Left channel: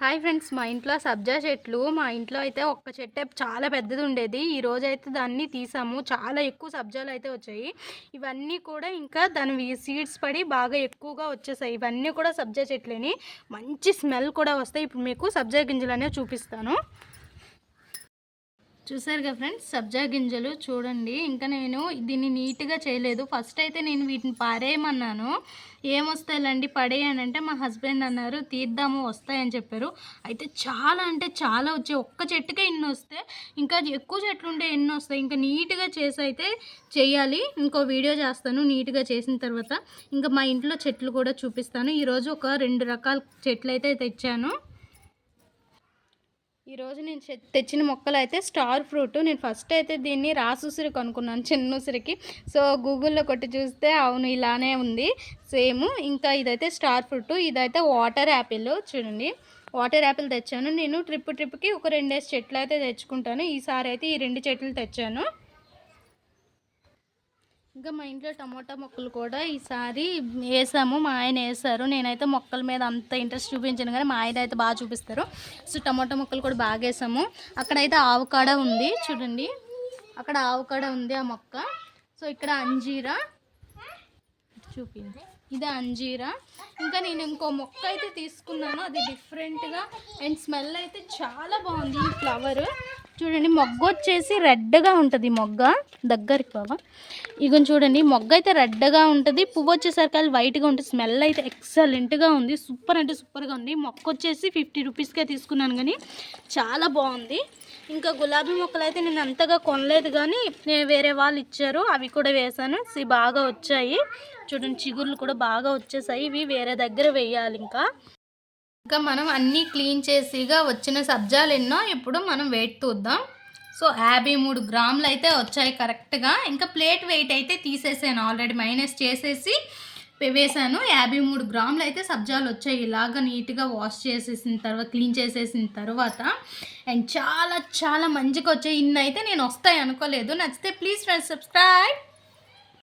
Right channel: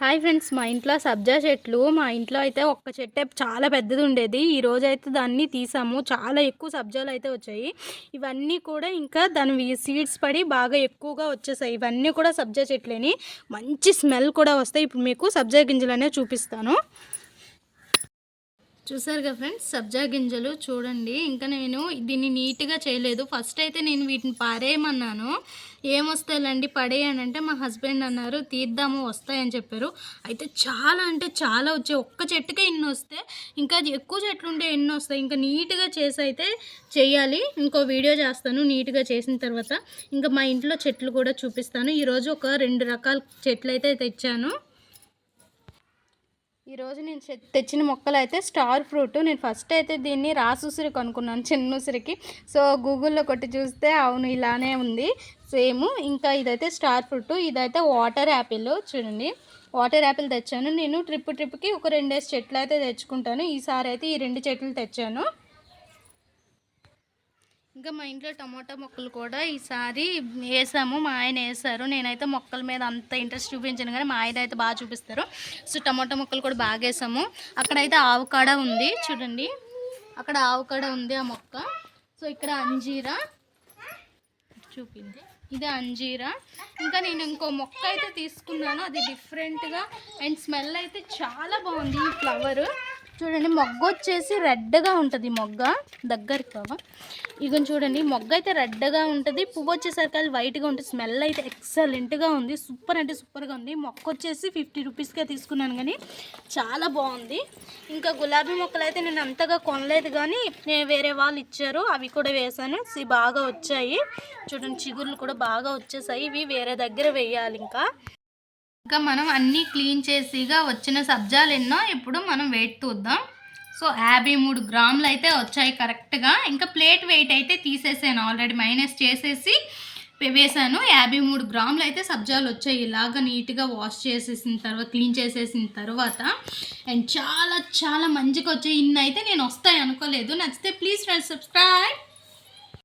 Hi friends మా ఇంట్లో సబ్జా చెట్లు మా ఇంట్లో అయితే ఒక్క చెట్టే చాలా పెద్దది ఉండేది. ఈ రోజు అయితే దాన్ని తీసాము. చాలా ఎక్కువ సబ్జాలు అయితే వచ్చాయి. ఇవన్నీ కూడా ఇంకా దాని సీడ్స్ పడి బాగా ఎక్కువగా వచ్చేసాయి. ఇవన్నీ కూడా సబ్జా చెట్లేని మంచి స్మెల్ కూడా వస్తాయి. ఇప్పుడు మీకు సబ్జా గింజలు అనేవి చూపిస్తాను. చూసారుగా ఫ్రెండ్స్? సబ్జా గింజలు చూడండి. ఇంకా నేను దీన్ని నీట్గా చేయలేదు. ఫస్ట్ అయితే నేను వీటిని పారేయమన్నాను. ఏమొస్తాయిలండి? పడేయనంటే మా హస్బెండ్ అన్నారు. తీద్దాము వస్తాయని చెప్పారు. అయితే చాలా అంటే చాలా వచ్చాయి. ఒక్క చెట్టుకే ఎన్ని వస్తే ఇంకా ఎక్కువ చెట్లు ఉంటే ఎన్ని వస్తాయి? ఇంకా నీట్గా చేసి అయితే చేయాలి. ఇంకో వీడియో చేస్తాను నీట్గా చేసిన తర్వాత. ఇంకా మా ఇంట్లో చెట్లు కూడా చూపిస్తాను. ఈరోజు ఒక రెండు రకాల చెట్లు అయితే తెచ్చాను. ఈరోజు నేను చె- తెచ్చిన మొక్కలు అయితే స్టార్ ఫ్రూట్. నేను ఫస్ట్ అయితే దీన్ని రాసుసిరి కొనుక్కున్నాను చిన్న ఉసిరికి. సో గూగుల్లో కొట్టి చూస్తే అవును ఇలానే ఉంది. సేమ్ ఇంకా ఇదైతే స్టార్ ఫ్రూట్. ఇదైతే వాటర్ యాపిల్. చూడండి. వాటర్ యాపిల్ తెచ్చాను. నేను ట్రిప్ ట్రిప్కి ఒక రెండేసి చెట్లు అయితే తెచ్చుకుంటాను. ఈసారి అయితే ఈ రెండు చెట్లు తెచ్చాను. ఇంకా మా ఇంట్లో టమోటా మొక్కలు కూడా ఈసారి వేసాము. మా ఆయన వేసారు. నేనైతే మొక్కల మీద అంత ఇంట్రెస్ట్ చూపించాను కానీ మా ఆయన అయితే బాగా చూపిస్తారు. సో టమోటా మొక్కలు కూడా బాగా వేసాము. అక్కడైతే ఆవుకాడ ఉంది. చూడండి. అక్కడ ఆవుకాడ ఉంది ఆ మొక్క. సో ఇక్కడ అంజీరా. చూపింది ఇది అంజీరా. ఇంకా నేను ఇంకో మొక్క అయితే తీసుకున్నాను. అది డిఫరెంట్గా అండ్ స్మెల్ అయితే చాలా బాగుంది. ఈ ఫ్లవర్ చూడండి మొగ్గ వచ్చేసి రెడ్గా ఉంటుంది మొగ్గ. దగ్గరికి బాబా ఇగో చూడండి మొగ్గ అయితే రెడ్గా ఉంటుంది. పువ్వు వచ్చేసరికి అది వైట్గా ఉంటుంది. స్మెల్ అయితే ఎక్సలెంట్గా ఉంది. సూపర్ అంటే సూపర్గా ఉంది. మొక్క వచ్చేసి ఫిఫ్టీ రూపీస్కే తీసుకున్నాను కానీ చాలా బాగుంది. ఇంకా గులాబీ మొక్కలు అయితే నేను అంతగా కొనలేదు కానీ వేరే వాళ్ళు ఇచ్చారు. అవి కూడా వేసాను. బాగా వచ్చాయి. చూడండి చిగుర్లు కూడా బాగా వచ్చేసాయి. ఇవి వేరే దగ్గర వేయాలి ఇంకా. ఇంకా మనం అన్నీ క్లీన్ చేసిగా వచ్చిన సబ్జాలు ఎన్నో ఇప్పుడు మనం వెయిట్ చూద్దాం. సో యాభై మూడు గ్రాములు అయితే వచ్చాయి కరెక్ట్గా ఇంకా ప్లేట్ వెయిట్ అయితే తీసేసాను ఆల్రెడీ మైనస్ చేసేసి వేసాను. యాభై మూడు గ్రాములు అయితే సబ్జాలు వచ్చాయి. ఇలాగ నీట్గా వాష్ చేసేసిన తర్వాత క్లీన్ చేసేసిన తర్వాత అండ్ చాలా చాలా మంచిగా వచ్చాయి. ఇన్ని అయితే నేను వస్తాయి అనుకోలేదు. నచ్చితే ప్లీజ్ ఫ్రెండ్స్ సబ్స్క్రైబ్